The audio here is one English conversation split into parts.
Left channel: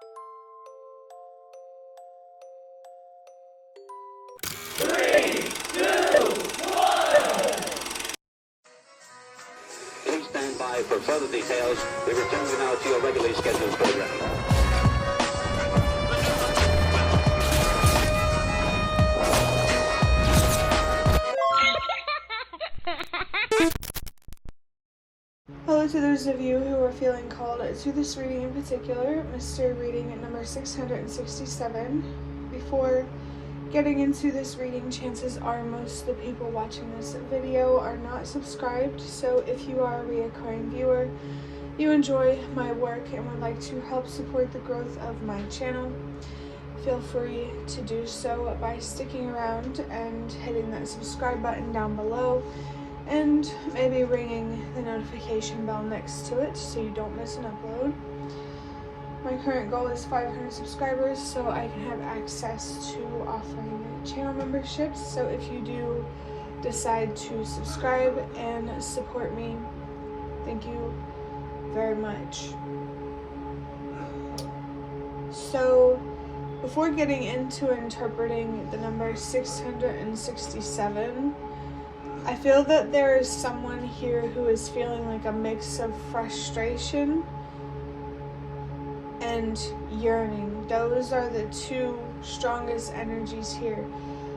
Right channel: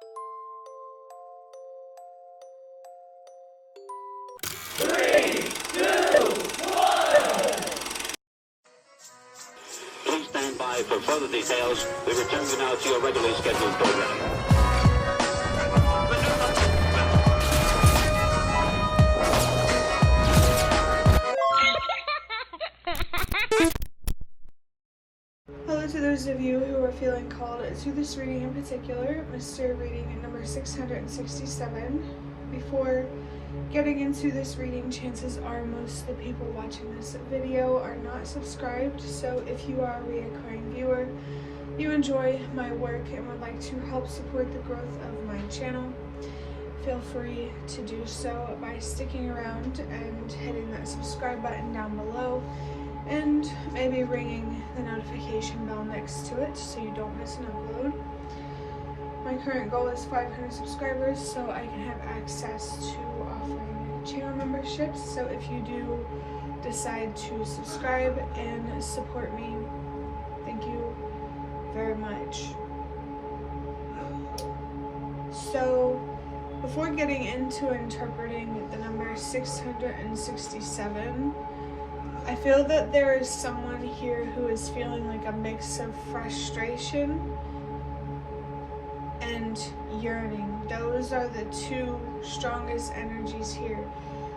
Please stand by for further details. We return you now to your regularly scheduled program. Hello to those of you who are feeling called to this reading in particular, mystery reading number 667. Before getting into this reading, chances are most of the people watching this video are not subscribed, so if you are a reoccurring viewer, you enjoy my work and would like to help support the growth of my channel, feel free to do so by sticking around and hitting that subscribe button down below, and maybe ringing the notification bell next to it so you don't miss an upload. My current goal is 500 subscribers so I can have access to offering channel memberships. So if you do decide to subscribe and support me, thank you very much. So before getting into interpreting the number 667, I feel that there is someone here who is feeling like a mix of frustration and yearning. Those are the two strongest energies here.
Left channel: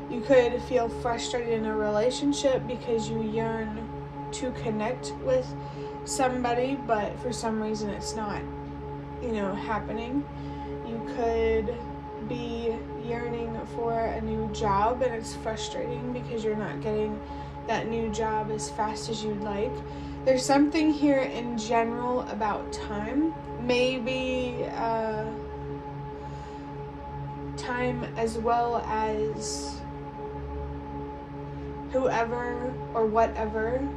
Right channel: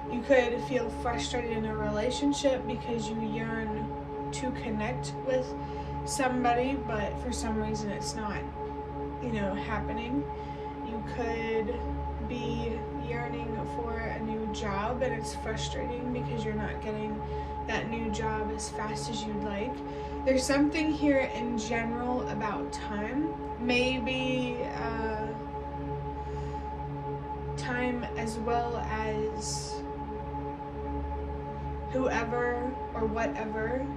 You could feel frustrated in a relationship because you yearn to connect with somebody, but for some reason it's not, happening. You could be yearning for a new job and it's frustrating because you're not getting that new job as fast as you'd like. There's something here in general about time, maybe time as well as whoever or whatever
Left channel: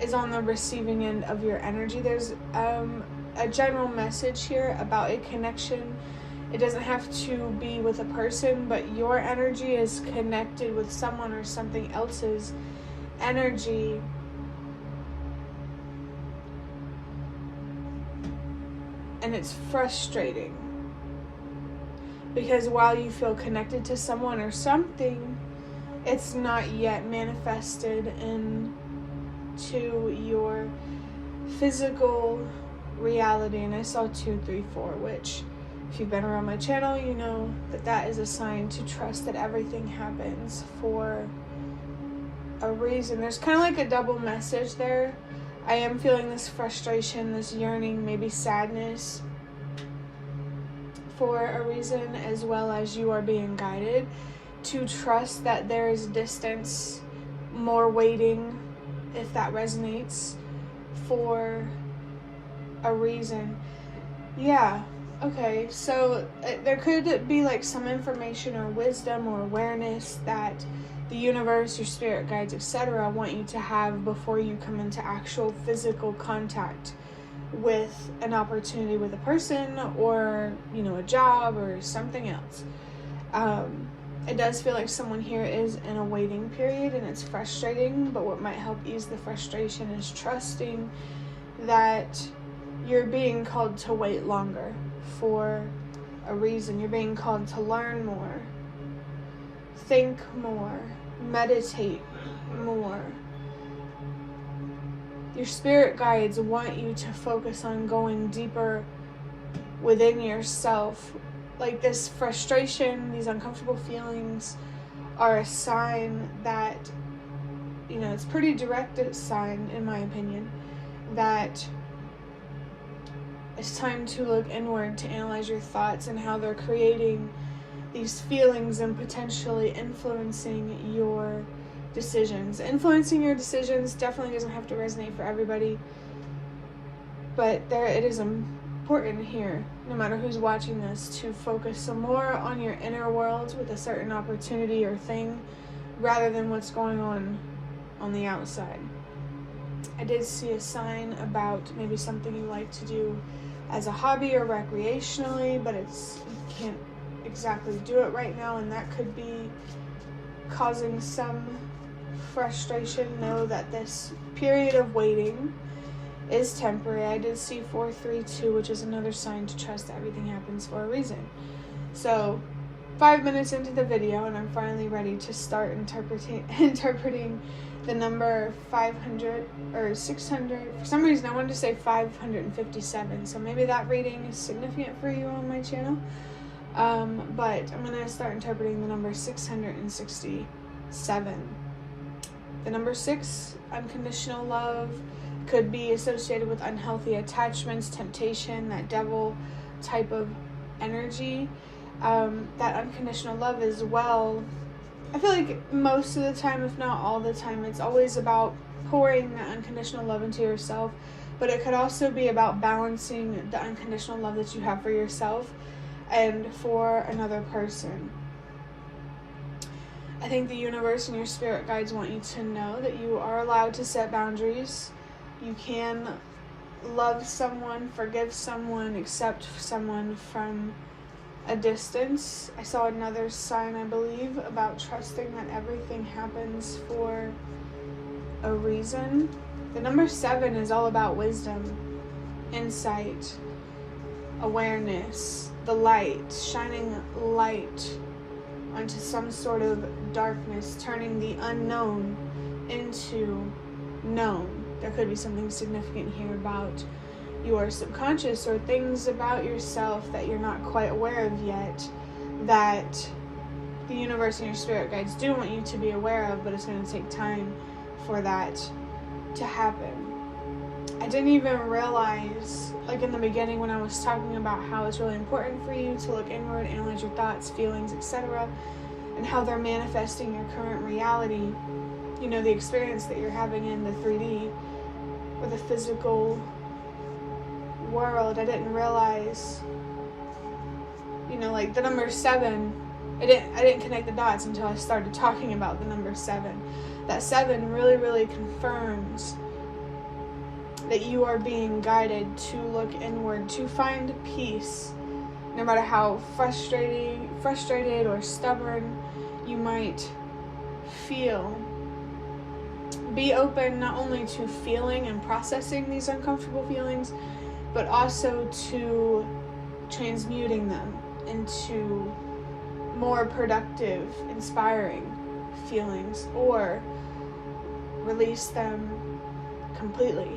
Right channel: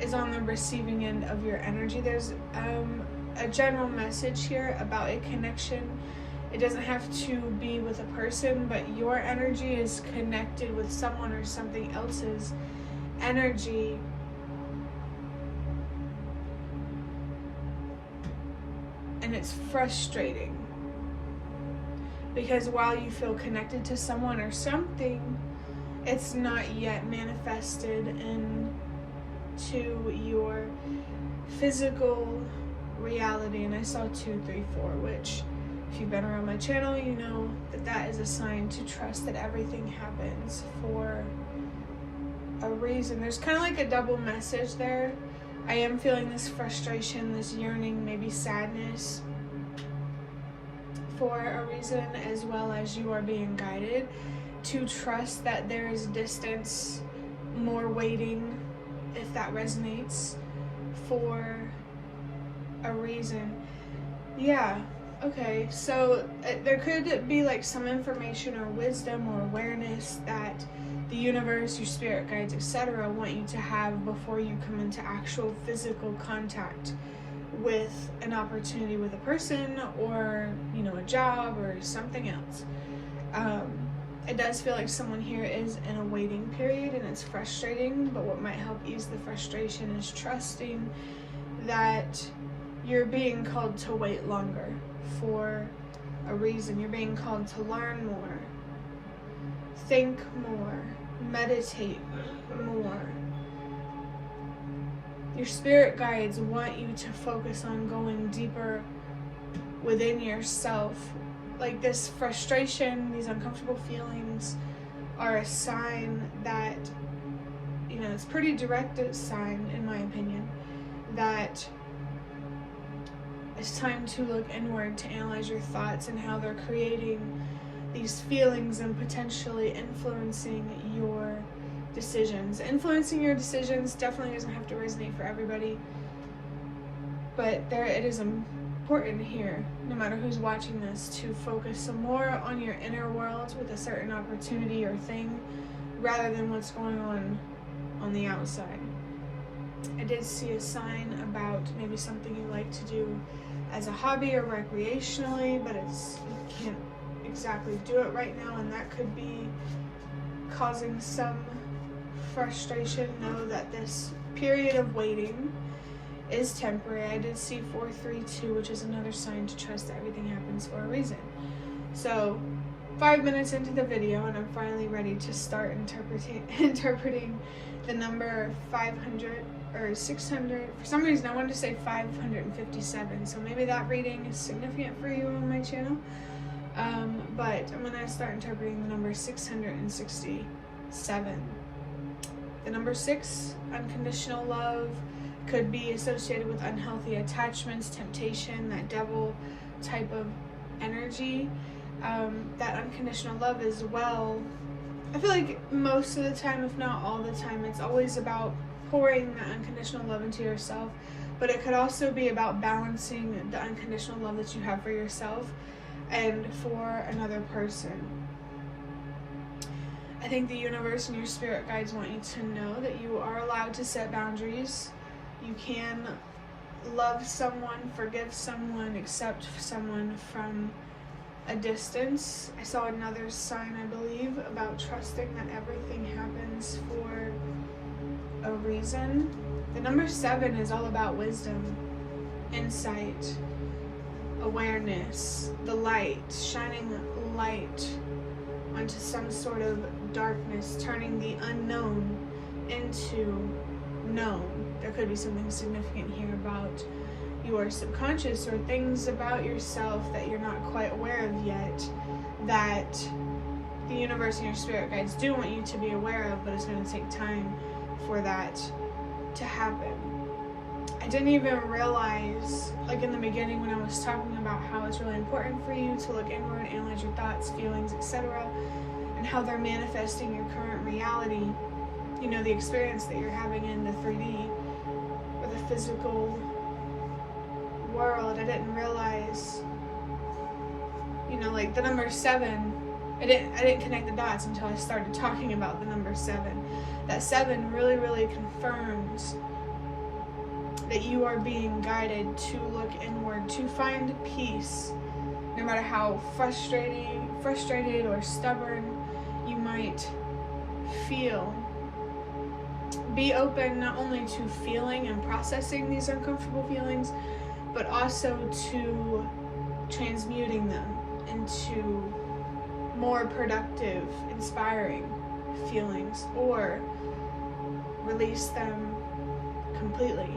is on the receiving end of your energy. There's a general message here about a connection. It doesn't have to be with a person, but your energy is connected with someone or something else's energy. And it's frustrating because while you feel connected to someone or something, it's not yet manifested into your physical reality. And I saw 2, 3, 4, which if you've been around my channel, you know that that is a sign to trust that everything happens for a reason. There's kind of like a double message there. I am feeling this frustration, this yearning, maybe sadness for a reason, as well as you are being guided to trust that there is distance, more waiting, if that resonates, for a reason. Yeah, okay, so there could be like some information or wisdom or awareness that the universe, your spirit guides, etc. want you to have before you come into actual physical contact with an opportunity with a person or, a job or something else. It does feel like someone here is in a waiting period and it's frustrating, but what might help ease the frustration is trusting that you're being called to wait longer for a reason. You're being called to learn more, think more, meditate more. Your spirit guides want you to focus on going deeper within yourself. Like this frustration, these uncomfortable feelings are a sign that, it's pretty direct sign, in my opinion, that it's time to look inward to analyze your thoughts and how they're creating these feelings and potentially influencing your decisions. Influencing your decisions definitely doesn't have to resonate for everybody, but it is important here, no matter who's watching this, to focus some more on your inner world with a certain opportunity or thing rather than what's going on the outside. I did see a sign about maybe something you like to do as a hobby or recreationally, but you can't exactly do it right now, and that could be causing some frustration. Know that this period of waiting is temporary. I did see 432, which is another sign to trust that everything happens for a reason. So 5 minutes into the video, and I'm finally ready to start interpreting the number 500 or 600. For some reason I wanted to say 557, so maybe that reading is significant for you on my channel. But I'm gonna start interpreting the number 667. The number 6, unconditional love, could be associated with unhealthy attachments, temptation, that devil type of energy. That unconditional love as well, I feel like most of the time, if not all the time, it's always about pouring that unconditional love into yourself, but it could also be about balancing the unconditional love that you have for yourself and for another person. I think the universe and your spirit guides want you to know that you are allowed to set boundaries. You can love someone, forgive someone, accept someone from a distance. I saw another sign, I believe, about trusting that everything happens for a reason. The number 7 is all about wisdom, insight, awareness, the light, shining light onto some sort of darkness, turning the unknown into known. There could be something significant here about your subconscious or things about yourself that you're not quite aware of yet, that the universe and your spirit guides do want you to be aware of, but it's going to take time for that to happen. I didn't even realize, like in the beginning when I was talking about how it's really important for you to look inward, analyze your thoughts, feelings, etc., and how they're manifesting your current reality, you know, the experience that you're having in the 3D or the physical world. I didn't realize, you know, like the number 7, I didn't connect the dots until I started talking about the number 7. That 7 really confirms that you are being guided to look inward, to find peace, no matter how frustrated or stubborn you might feel. Be open not only to feeling and processing these uncomfortable feelings, but also to transmuting them into more productive, inspiring feelings, or release them completely.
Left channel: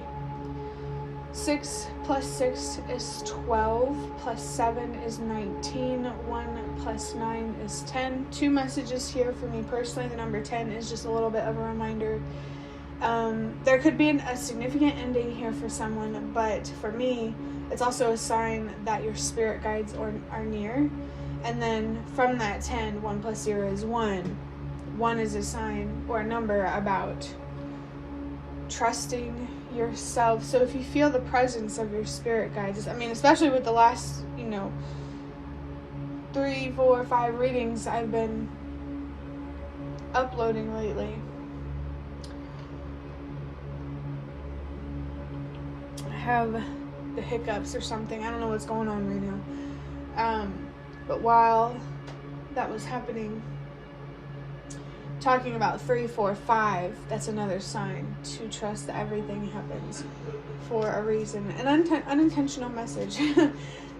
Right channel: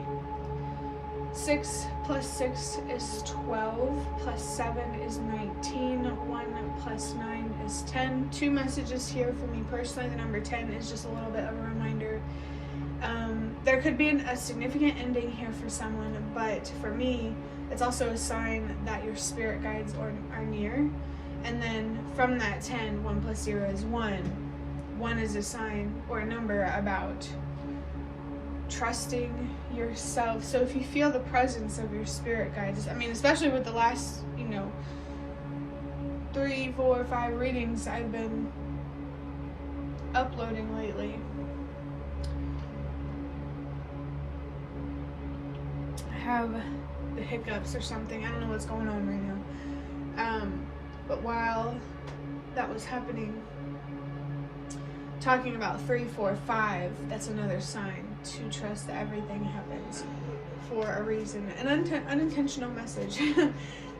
6 plus 6 is 12, plus 7 is 19, 1 plus 9 is 10. 2 messages here for me personally. The number 10 is just a little bit of a reminder. There could be a significant ending here for someone, but for me, it's also a sign that your spirit guides are near. And then from that 10, 1 plus 0 is 1. 1 is a sign or a number about trusting yourself. So if you feel the presence of your spirit guides, I mean, especially with the last, 3, 4, 5 readings I've been uploading lately, I have the hiccups or something. I don't know what's going on right now. But while that was happening, talking about 3, 4, 5, that's another sign to trust that everything happens for a reason. An unintentional message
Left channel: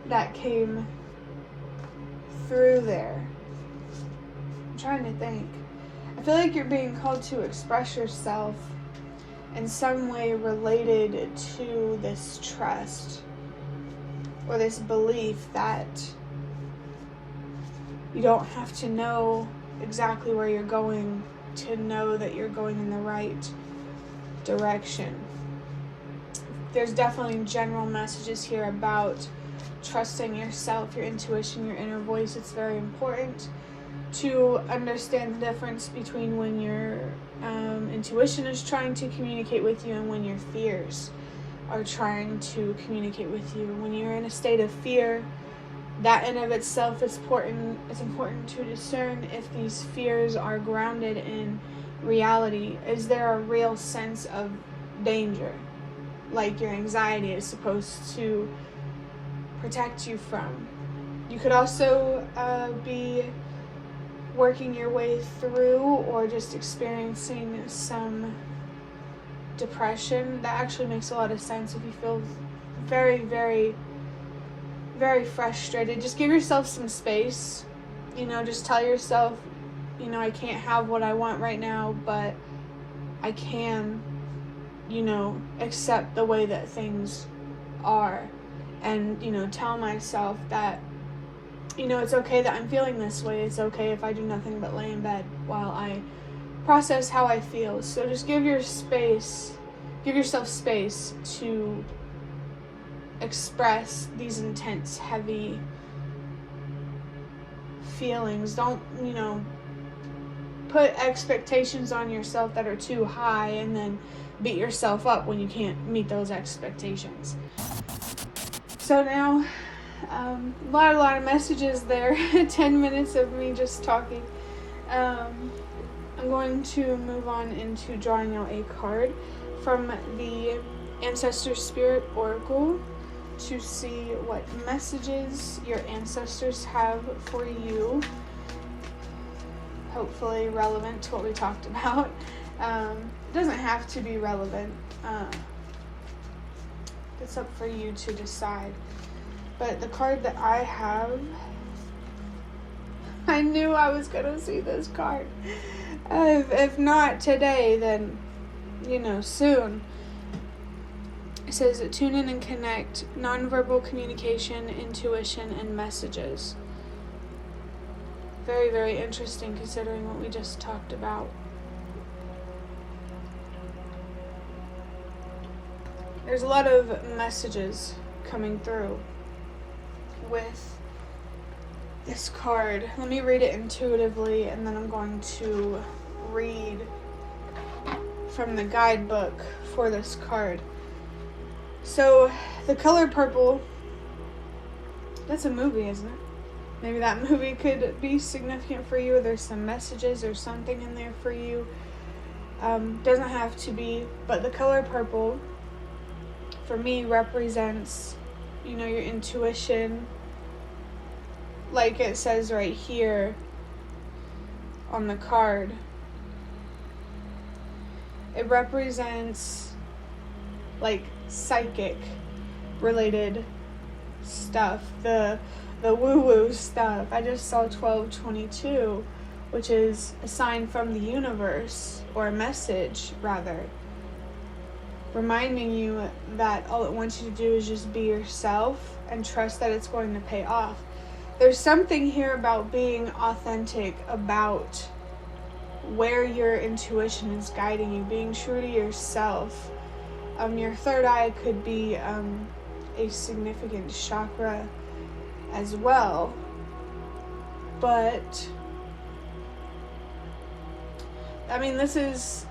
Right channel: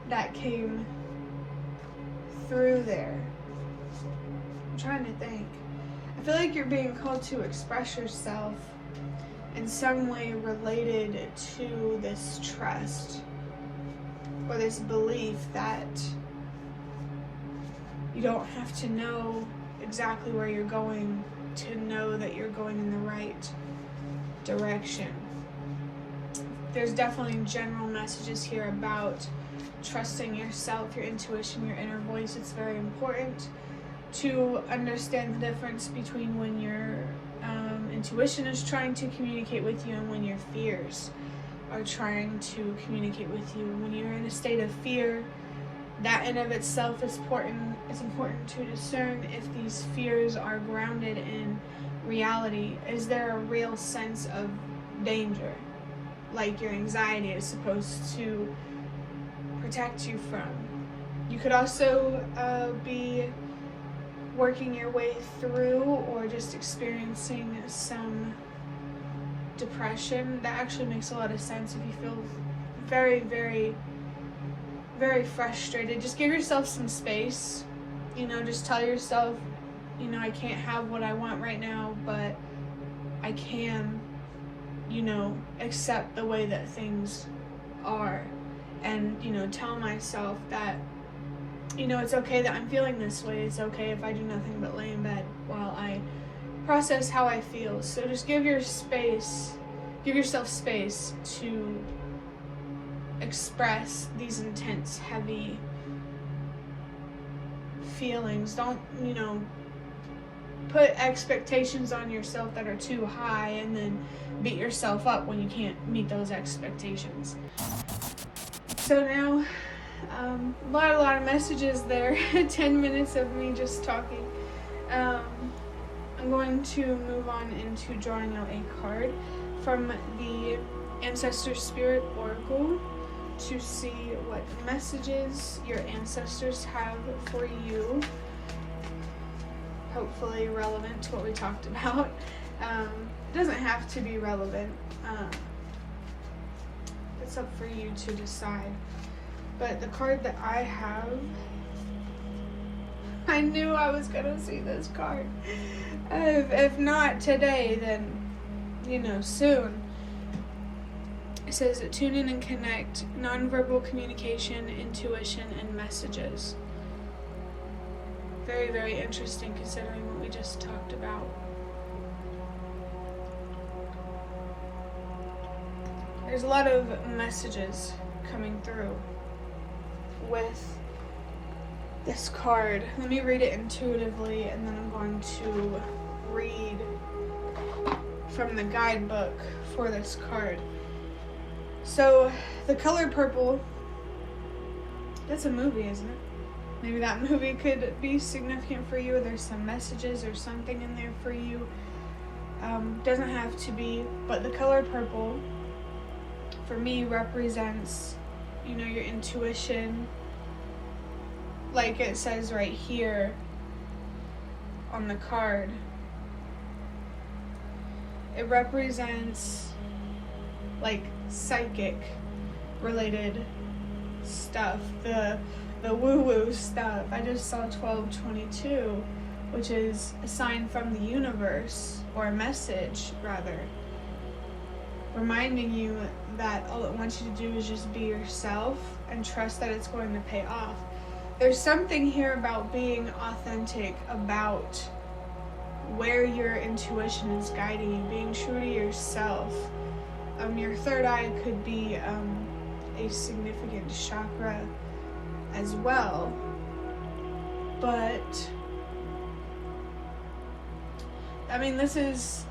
that came through there. I'm trying to think. I feel like you're being called to express yourself in some way related to this trust or this belief that you don't have to know exactly where you're going to know that you're going in the right direction. There's definitely general messages here about trusting yourself, your intuition, your inner voice. It's very important to understand the difference between when your intuition is trying to communicate with you and when your fears are trying to communicate with you. When you're in a state of fear, that in of itself is important. It's important to discern if these fears are grounded in reality. Is there a real sense of danger, like your anxiety is supposed to protect you from? You could also be working your way through or just experiencing some depression, that actually makes a lot of sense. If you feel very, very, very frustrated, just give yourself some space. Just tell yourself, I can't have what I want right now, but I can, accept the way that things are. And, tell myself that, it's okay that I'm feeling this way. It's okay if I do nothing but lay in bed while I process how I feel. So just give yourself space to express these intense, heavy feelings. Don't, put expectations on yourself that are too high and then beat yourself up when you can't meet those expectations. So now, a lot of messages there. 10 minutes of me just talking. I'm going to move on into drawing out a card from the Ancestor Spirit Oracle to see what messages your ancestors have for you. Hopefully relevant to what we talked about. It doesn't have to be relevant. It's up for you to decide. But the card that I have, I knew I was going to see this card. If not today, then, soon. It says, tune in and connect, nonverbal communication, intuition, and messages. Very, very interesting considering what we just talked about. There's a lot of messages coming through with this card. Let me read it intuitively, and then I'm going to read from the guidebook for this card. So, the color purple, that's a movie, isn't it? Maybe that movie could be significant for you. There's some messages or something in there for you. Doesn't have to be, but the color purple, for me, represents, your intuition. Like it says right here on the card. It represents, like, psychic related stuff. The woo-woo stuff. I just saw 1222, which is a sign from the universe, or a message, rather, reminding you that all it wants you to do is just be yourself and trust that it's going to pay off. There's something here about being authentic, about where your intuition is guiding you, being true to yourself. Your third eye could be a significant chakra as well, but this is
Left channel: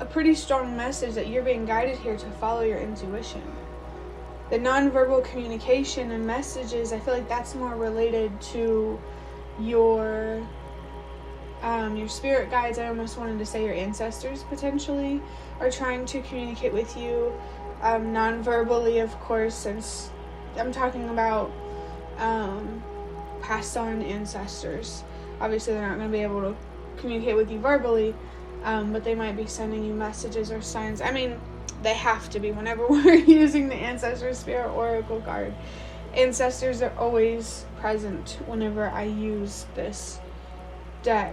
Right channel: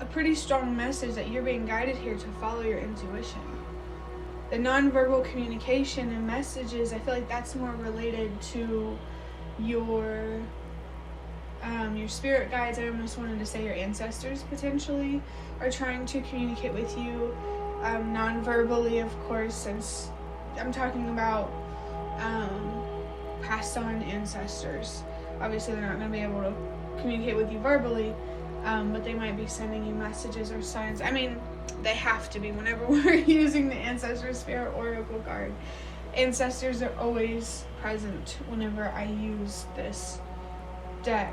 a pretty strong message that you're being guided here to follow your intuition. The nonverbal communication and messages, I feel like that's more related to your spirit guides. I almost wanted to say your ancestors potentially are trying to communicate with you non-verbally, of course, since I'm talking about passed on ancestors. Obviously they're not going to be able to communicate with you verbally, but they might be sending you messages or signs. They have to be whenever we're using the Ancestor Spirit Oracle card. Ancestors are always present whenever I use this deck.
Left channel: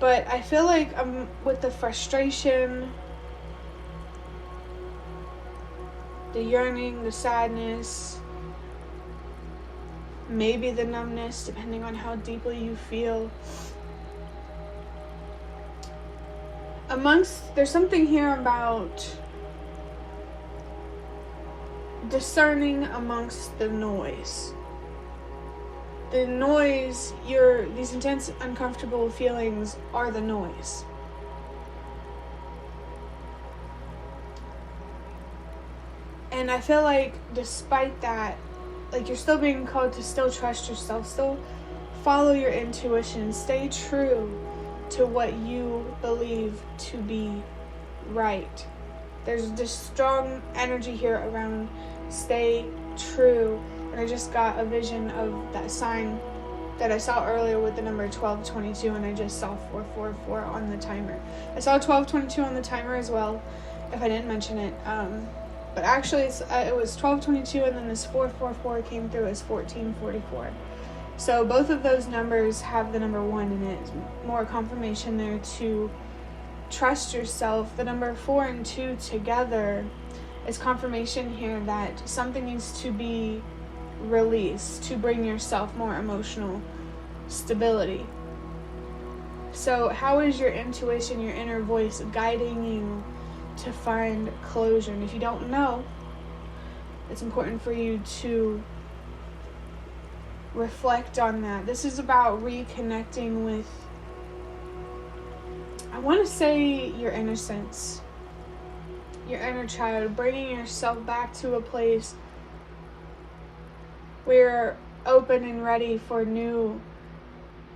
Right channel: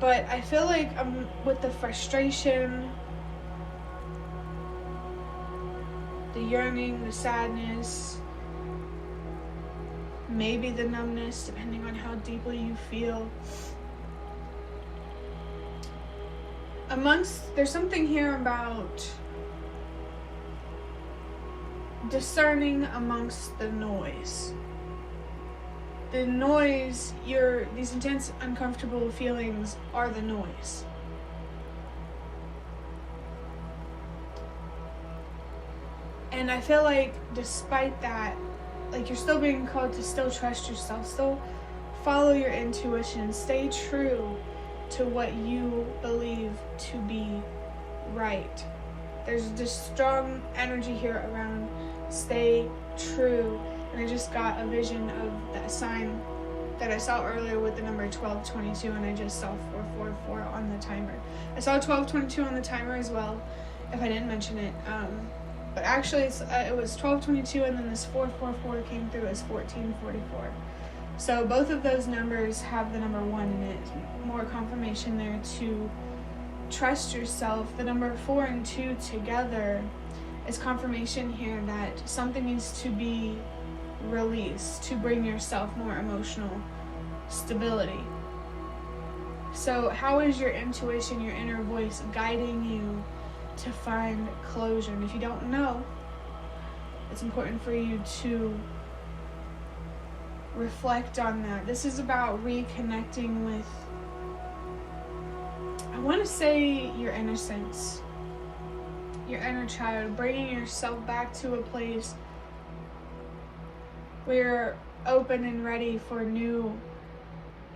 But I feel like with the frustration, the yearning, the sadness, maybe the numbness, depending on how deeply you feel. There's something here about discerning amongst the noise. The noise, these intense, uncomfortable feelings are the noise. And I feel like despite that, like, you're still being called to still trust yourself, still follow your intuition, stay true to what you believe to be right. There's this strong energy here around stay true. And I just got a vision of that sign that I saw earlier with the number 1222, and I just saw 444 on the timer. I saw 1222 on the timer as well, if I didn't mention it. But actually it was 1222, and then this 444 came through as 1444. So both of those numbers have the number 1 in it. More confirmation there to trust yourself. The number 4 and 2 together is confirmation here that something needs to be released to bring yourself more emotional stability. So how is your intuition, your inner voice, guiding you to find closure? And if you don't know, it's important for you to reflect on that. This is about reconnecting with, I want to say, your innocence, your inner child, bringing yourself back to a place where you're open and ready for new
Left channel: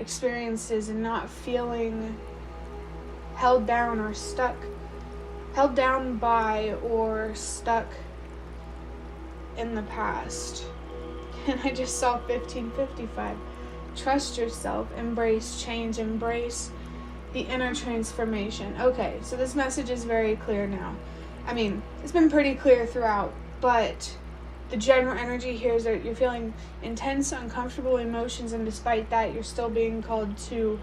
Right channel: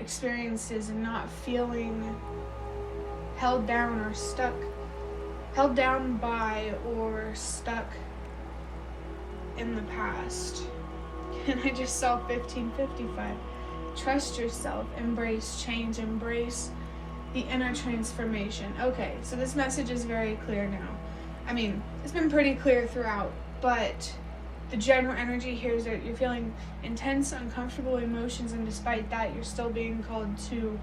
experiences and not feeling held down or stuck, held down by or stuck in the past. And I just saw 1555. Trust yourself, embrace change, embrace the inner transformation. Okay, so this message is very clear now. I mean, it's been pretty clear throughout, but the general energy here is that you're feeling intense, uncomfortable emotions, and despite that, you're still being called to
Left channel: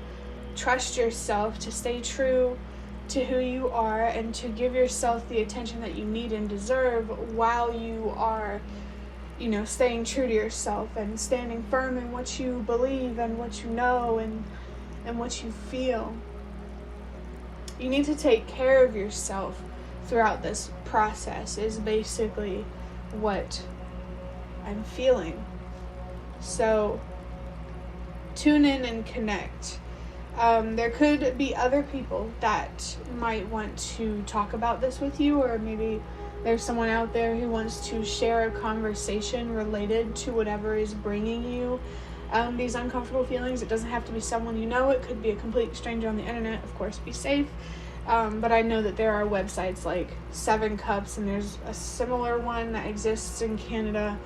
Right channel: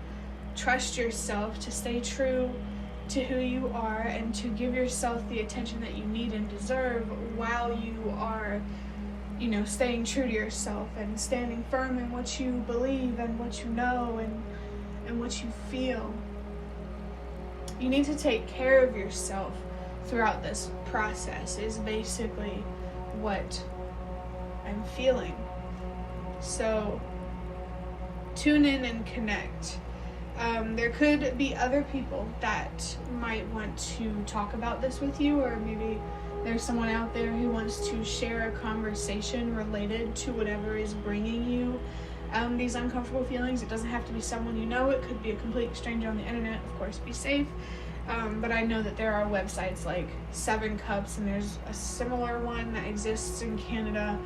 trust yourself, to stay true to who you are, and to give yourself the attention that you need and deserve while you are, staying true to yourself and standing firm in what you believe and what you know and what you feel. You need to take care of yourself throughout this process, is basically what I'm feeling. So tune in and connect. There could be other people that might want to talk about this with you, or maybe there's someone out there who wants to share a conversation related to whatever is bringing you these uncomfortable feelings. It doesn't have to be someone you know. It could be a complete stranger on the internet. Of course, be safe. But I know that there are websites like 7 Cups, and there's a similar one that exists in Canada,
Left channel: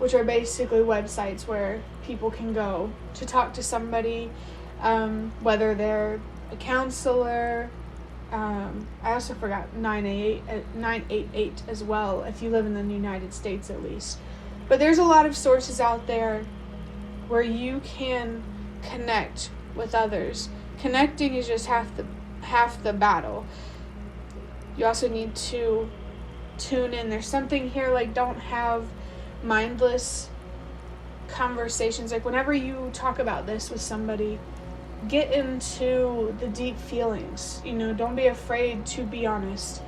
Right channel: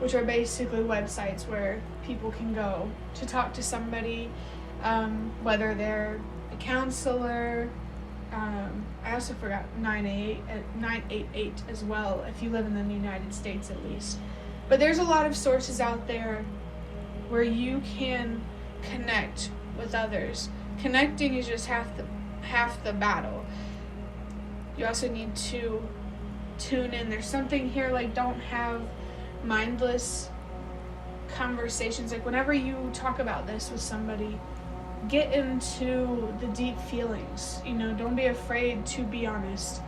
which are basically websites where people can go to talk to somebody, whether they're a counselor. I also forgot 988 as well, if you live in the United States at least. But there's a lot of sources out there where you can connect with others. Connecting is just half the battle. You also need to tune in. There's something here like, don't have mindless conversations. Like, whenever you talk about this with somebody, get into the deep feelings. Don't be afraid to be honest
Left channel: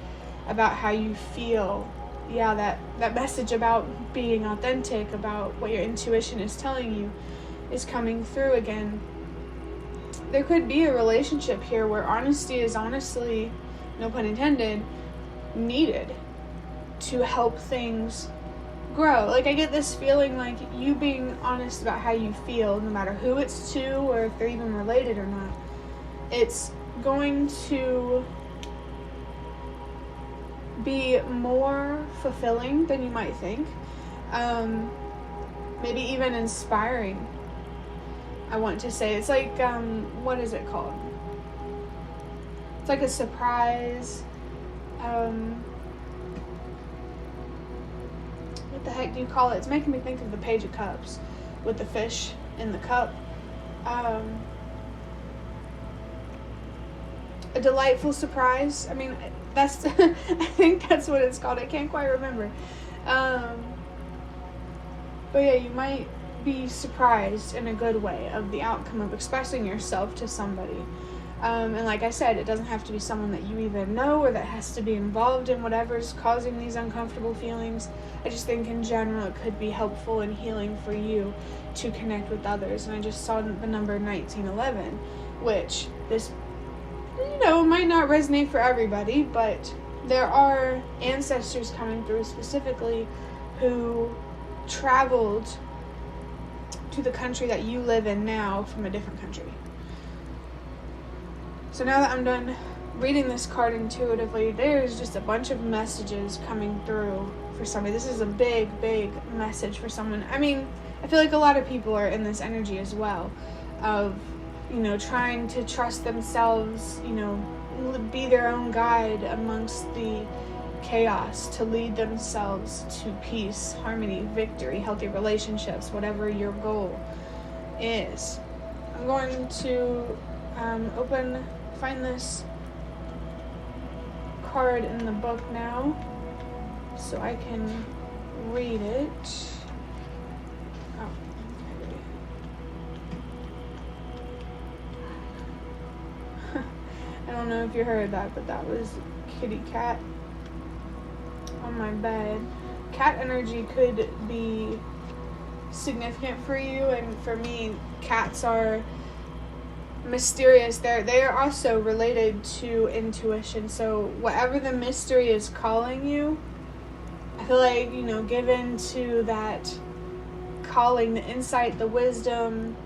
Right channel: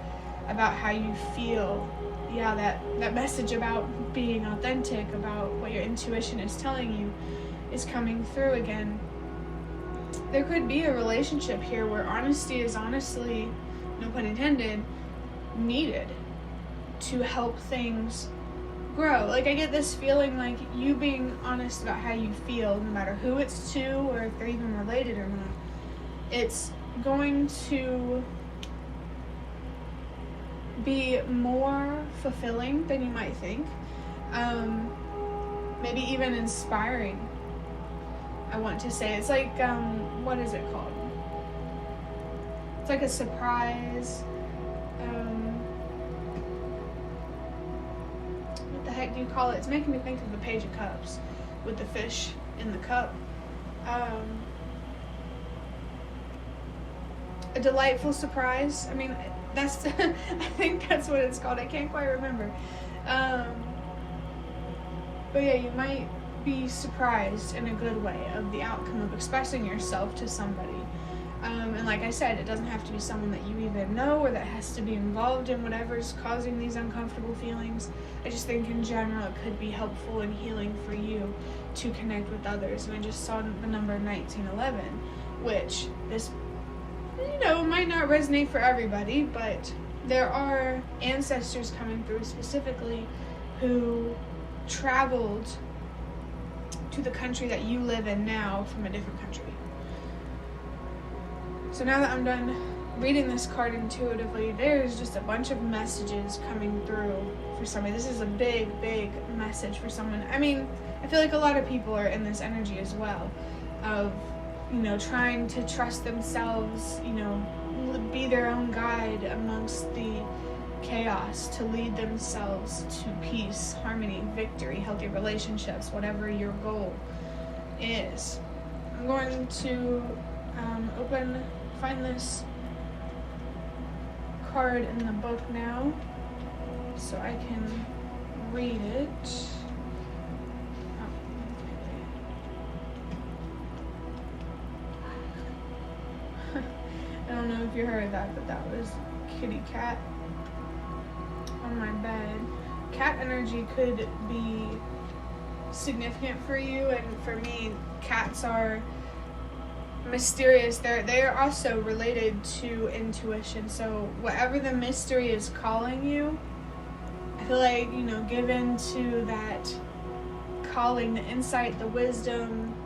about how you feel. Yeah, that message about being authentic, about what your intuition is telling you, is coming through again. There could be a relationship here where honesty is honestly, no pun intended, needed to help things grow. Like, I get this feeling like you being honest about how you feel, no matter who it's to or if they're even related or not, it's going to be more fulfilling than you might think. Maybe even inspiring, I want to say. It's like, what is it called? It's like a surprise. What the heck do you call it? It's making me think of the Page of Cups with the fish in the cup. A delightful surprise. I mean, that's I think that's what it's called. I can't quite remember. But yeah, you might be surprised in a good way of the outcome of expressing yourself to somebody. And like I said, it doesn't have to be someone that you even know or that has to be involved in whatever's causing these uncomfortable feelings. I just think in general it could be helpful and healing for you to connect with others. And I just saw the number 1911, which this, might not resonate for everybody, but there are ancestors coming through specifically who traveled to the country that you live in now from a different country. So now that I'm done reading this card intuitively, there's just a bunch of messages coming through for somebody. This is a big, big message for someone. I mean, I feel like a lot of people are in this energy as well of, trying to trust themselves, be their own guide amongst the chaos, to lead themselves to peace, harmony, victory, healthy relationships, whatever your goal is. I'm going to find this card in the book now so I can read it. I don't know if you heard that, but that was kitty cat on my bed. Cat energy could be significant for you, and for me, cats are mysterious. They are also related to intuition. So whatever the mystery is calling you, I feel like, give in to that calling, the insight, the wisdom,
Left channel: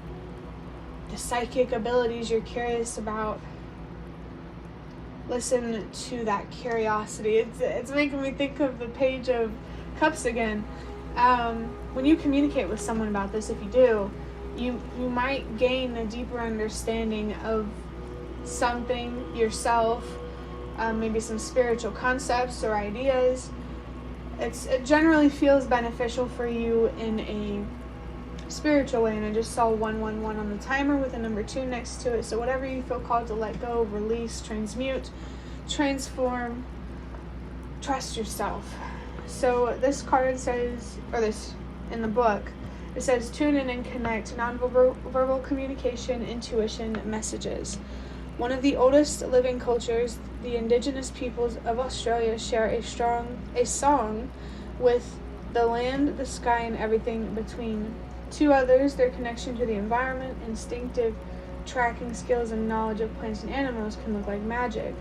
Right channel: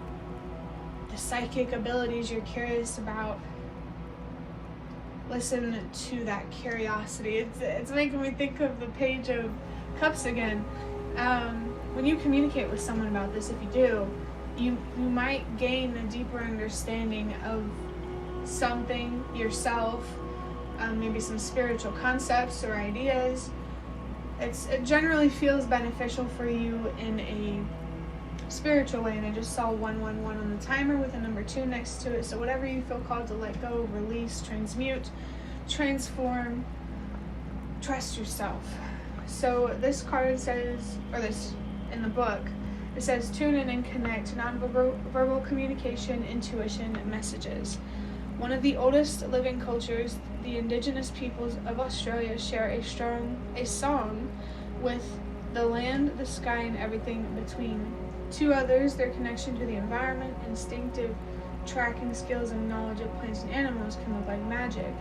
the psychic abilities you're curious about. Listen to that curiosity. It's making me think of the Page of Cups again. When you communicate with someone about this, if you do, you might gain a deeper understanding of something yourself, maybe some spiritual concepts or ideas. It generally feels beneficial for you in a spiritual way, and I just saw 111 on the timer with a number 2 next to it. So whatever you feel called to let go, release, transmute, transform, trust yourself. So this card says, or this in the book, it says tune in and connect, nonverbal communication, intuition, messages. One of the oldest living cultures, the indigenous peoples of Australia share a song with the land, the sky, and everything between. To others, their connection to the environment, instinctive tracking skills, and knowledge of plants and animals can look like magic.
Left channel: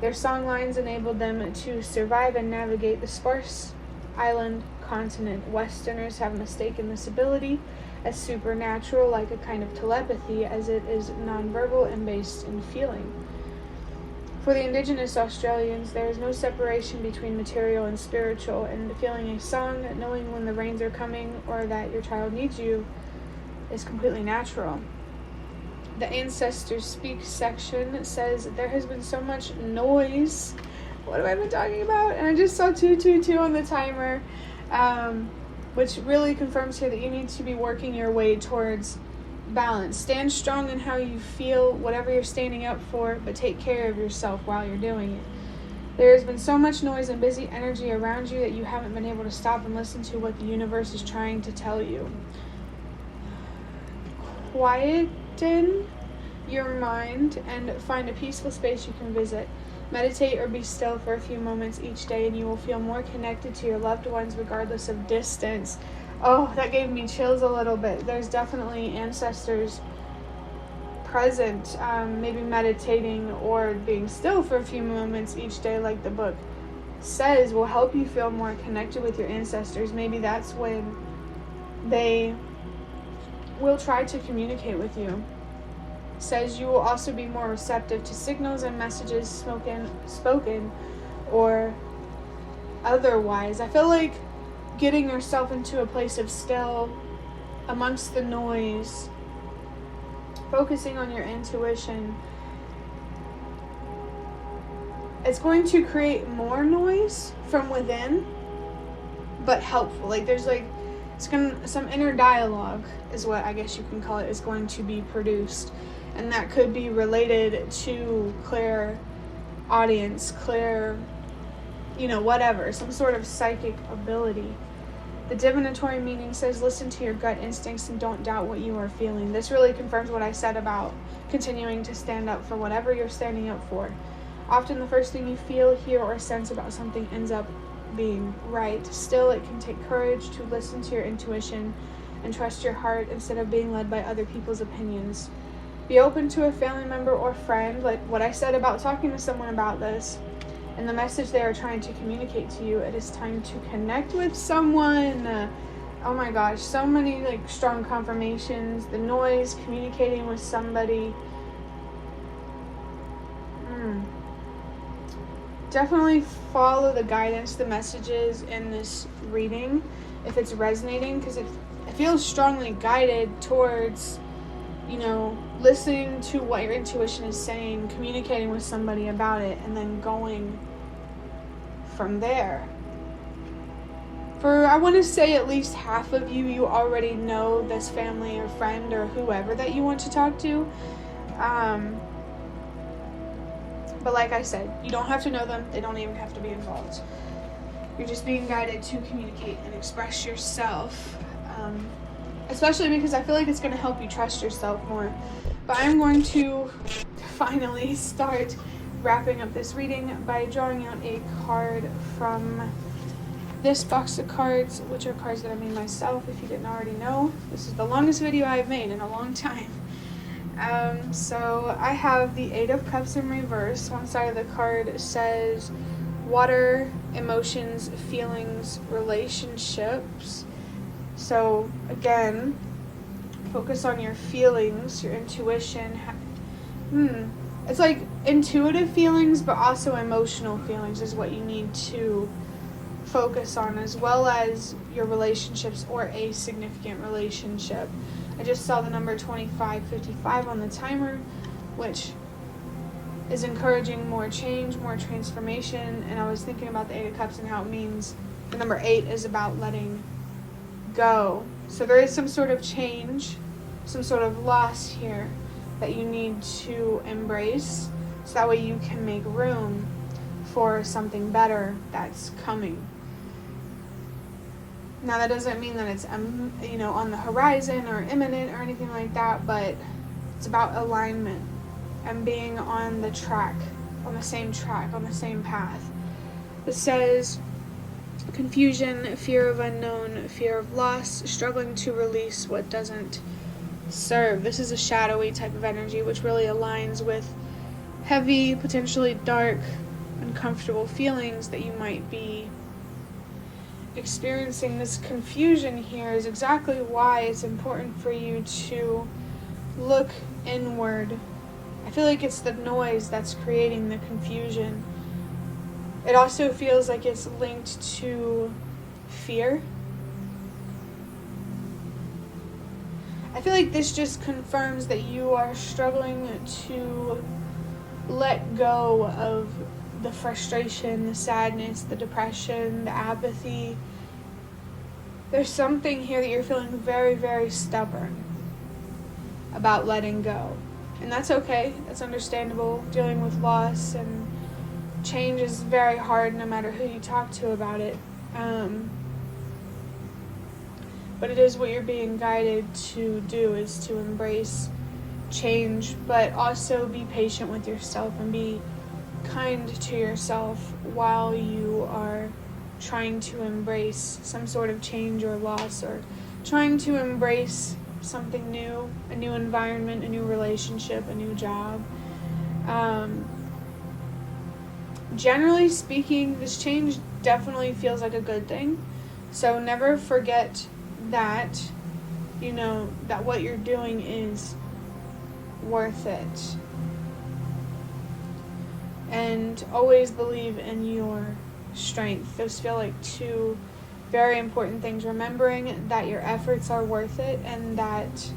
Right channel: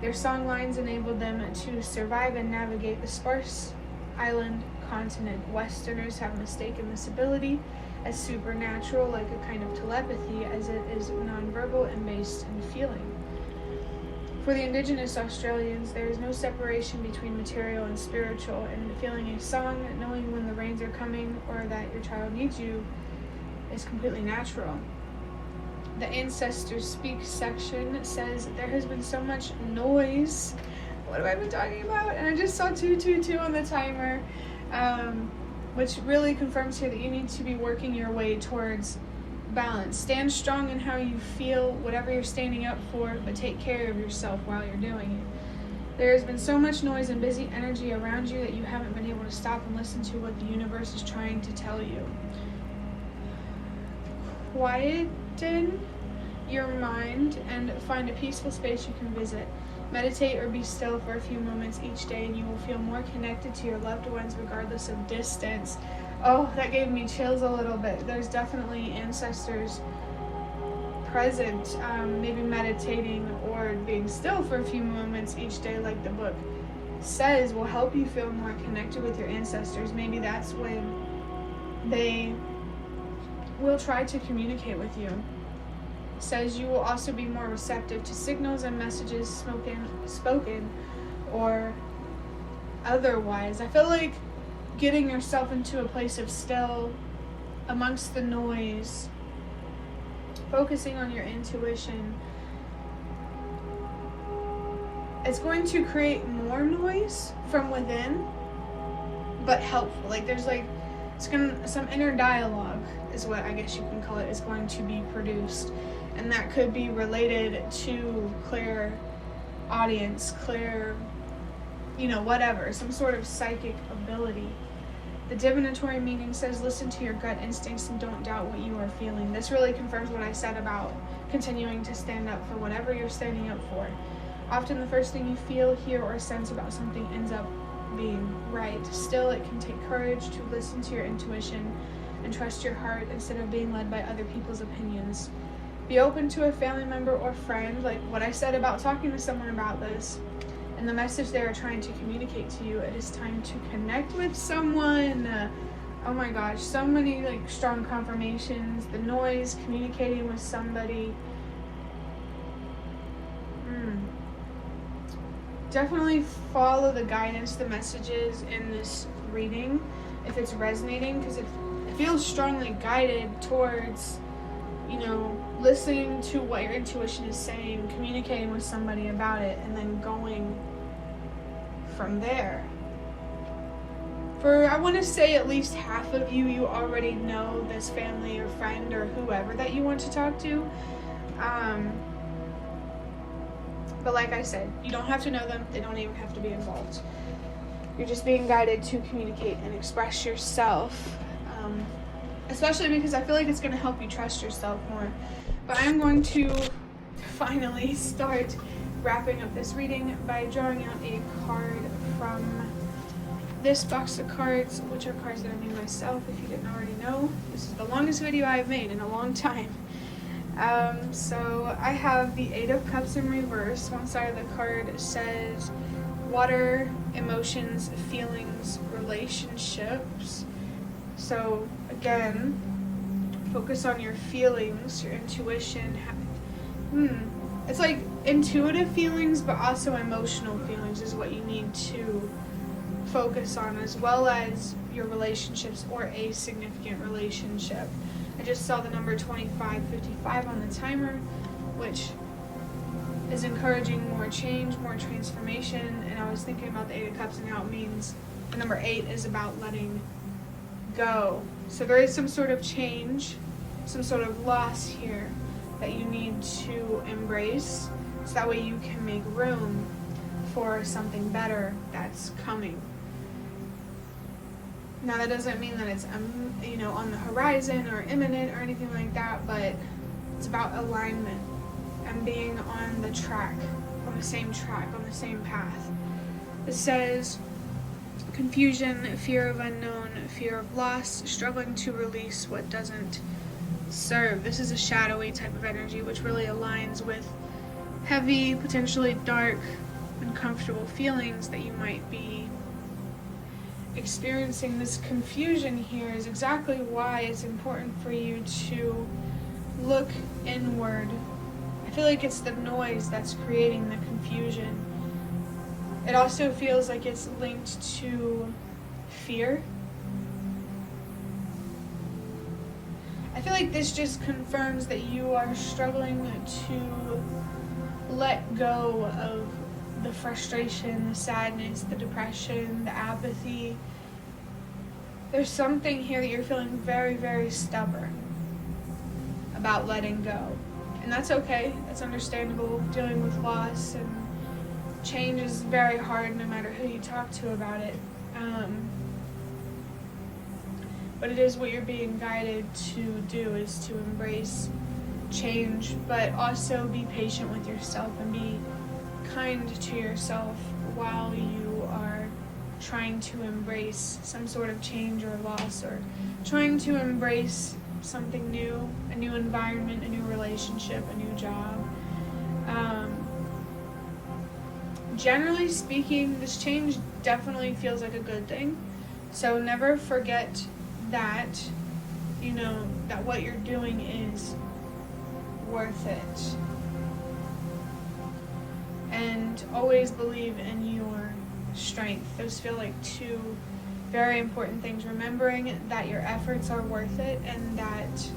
Their song lines enabled them to survive and navigate the sparse island continent. Westerners have mistaken this ability as supernatural, like a kind of telepathy, as it is nonverbal and based in feeling. For the indigenous Australians, there is no separation between material and spiritual, and feeling a song, knowing when the rains are coming or that your child needs you, is completely natural. The Ancestors Speak section says there has been so much noise. What have I been talking about? And I just saw 222 on the timer, which really confirms here that you need to be working your way towards balance. Stand strong in how you feel, whatever you're standing up for, but take care of yourself while you're doing it. There has been so much noise and busy energy around you that you haven't been able to stop and listen to what the universe is trying to tell you. Quieten your mind and find a peaceful space you can visit. Meditate or be still for a few moments each day, and you will feel more connected to your loved ones regardless of distance. Oh, that gave me chills a little bit. There's definitely ancestors present, maybe meditating or being still for a few moments each day, like the book says, will help you feel more connected with your ancestors. Maybe that's when they will try to communicate with you. It says you will also be more receptive to signals and messages, spoken or otherwise. I feel like getting yourself into a place of still amongst the noise, focusing on your intuition, it's going to create more noise from within, but helpful. Like there's some inner dialogue is what I guess you can call it, is going to be produced, and that could be related to clear audience, clear, whatever, some sort of psychic ability. The divinatory meaning says listen to your gut instincts and don't doubt what you are feeling. This really confirms what I said about continuing to stand up for whatever you're standing up for. Often the first thing you feel, hear, or sense about something ends up being right. Still, it can take courage to listen to your intuition and trust your heart instead of being led by other people's opinions. Be open to a family member or friend, like what I said about talking to someone about this and the message they are trying to communicate to you. It is time to connect with someone. Oh my gosh, so many strong confirmations. The noise, communicating with somebody. Definitely follow the guidance, the messages in this reading if it's resonating, because if feel strongly guided towards, you know, listening to what your intuition is saying, communicating with somebody about it, and then going from there. For, I want to say, at least half of you already know this family or friend or whoever that you want to talk to. But like I said, you don't have to know them. They don't even have to be involved. You're just being guided to communicate and express yourself. Especially because I feel like it's going to help you trust yourself more. But I'm going to finally start wrapping up this reading by drawing out a card from this box of cards, which are cards that I made myself, if you didn't already know. This is the longest video I've made in a long time. So I have the 8 of Cups in reverse. One side of the card says water, emotions, feelings, relationships. So again, focus on your feelings, your intuition. It's like intuitive feelings, but also emotional feelings is what you need to focus on, as well as your relationships or a significant relationship. I just saw the number 2555 on the timer, which is encouraging more change, more transformation. And I was thinking about the 8 of Cups and how it means the number 8 is about letting go. So there is some sort of change, some sort of loss here that you need to embrace, so that way you can make room for something better that's coming. Now that doesn't mean that it's on the horizon or imminent or anything like that, but it's about alignment and being on the track, on the same track, on the same path. It says confusion, fear of unknown, fear of loss, struggling to release what doesn't serve. This is a shadowy type of energy, which really aligns with heavy, potentially dark, uncomfortable feelings that you might be experiencing. This confusion here is exactly why it's important for you to look inward. I feel like it's the noise that's creating the confusion. It also feels like it's linked to fear. I feel like this just confirms that you are struggling to let go of the frustration, the sadness, the depression, the apathy. There's something here that you're feeling very, very stubborn about letting go. And that's okay. That's understandable. Dealing with loss and change is very hard no matter who you talk to about it. But it is what you're being guided to do, is to embrace change, but also be patient with yourself and be kind to yourself while you are trying to embrace some sort of change or loss, or trying to embrace something new, a new environment, a new relationship, a new job. Generally speaking, this change definitely feels like a good thing. So never forget that, that what you're doing is worth it. And always believe in your strength. Those feel like two very important things. Remembering that your efforts are worth it, and that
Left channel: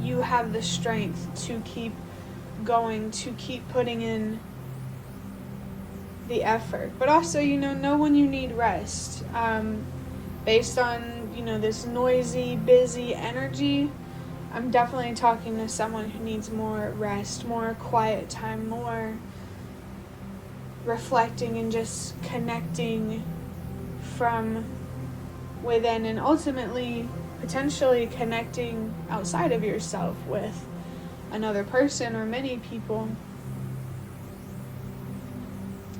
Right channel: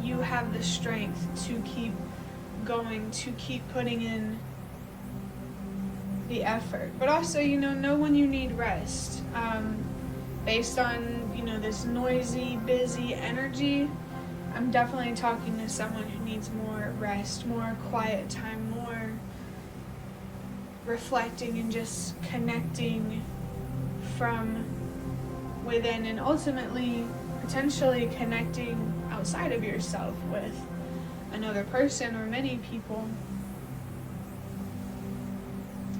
you have the strength to keep going, to keep putting in the effort. But also, know when you need rest. Based on, this noisy, busy energy, I'm definitely talking to someone who needs more rest, more quiet time, more reflecting and just connecting from within, and ultimately potentially connecting outside of yourself with another person or many people.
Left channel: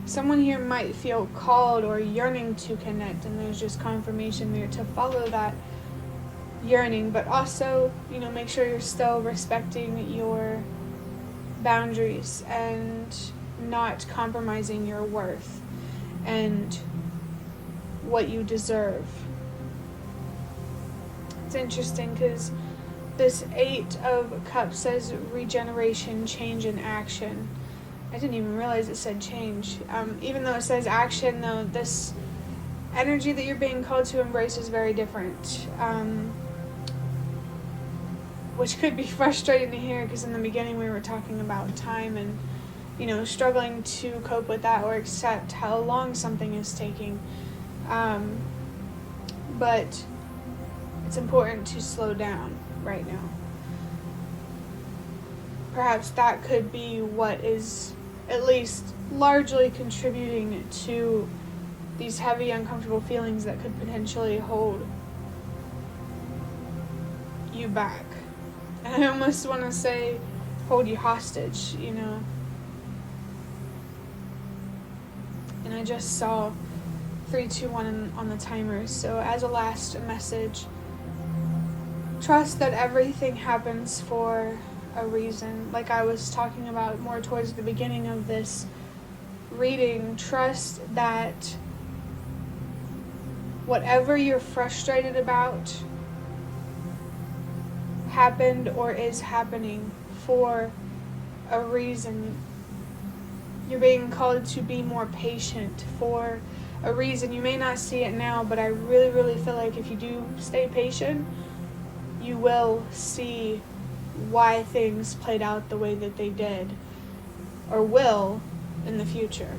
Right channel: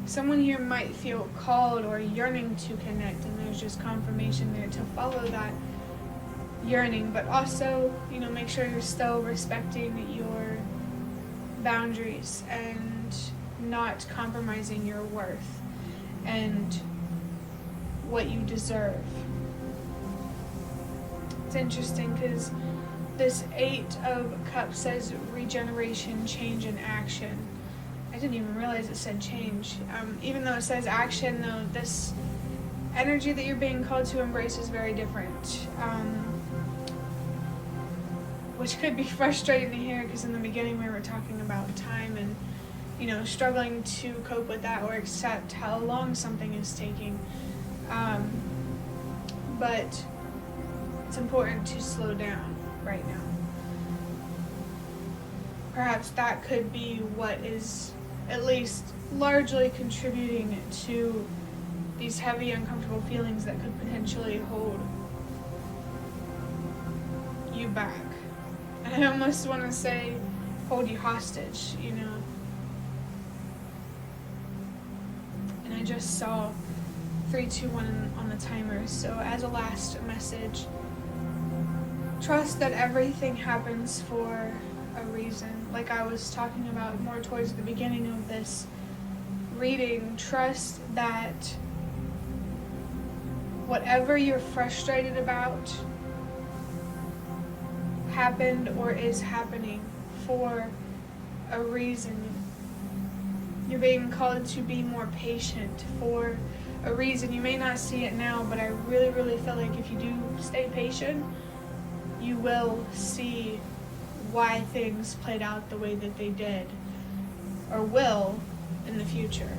Someone here might feel called or yearning to connect, and there's just confirmation there to follow that yearning, but also, make sure you're still respecting your boundaries and not compromising your worth and what you deserve. It's interesting because this 8 of Cups says regeneration, change, and action. I didn't even realize it said change. Even though it says action, though, this energy that you're being called to embrace is very different. Which could be frustrating to hear, because in the beginning we were talking about time and, struggling to cope with that or accept how long something is taking. But it's important to slow down right now. Perhaps that could be what is at least largely contributing to these heavy, uncomfortable feelings that could potentially hold you back. I almost want to say hold you hostage, And I just saw 3, 2, 1 on the timer. So as a last message, trust that everything happens for a reason. Like I was talking about more towards the beginning of this reading, trust that whatever you're frustrated about happened or is happening for a reason. You're being called to be more patient for a reason. You may not see it now, but I really, really feel like if you do stay patient, you will see why things played out the way that they did, or will in the future.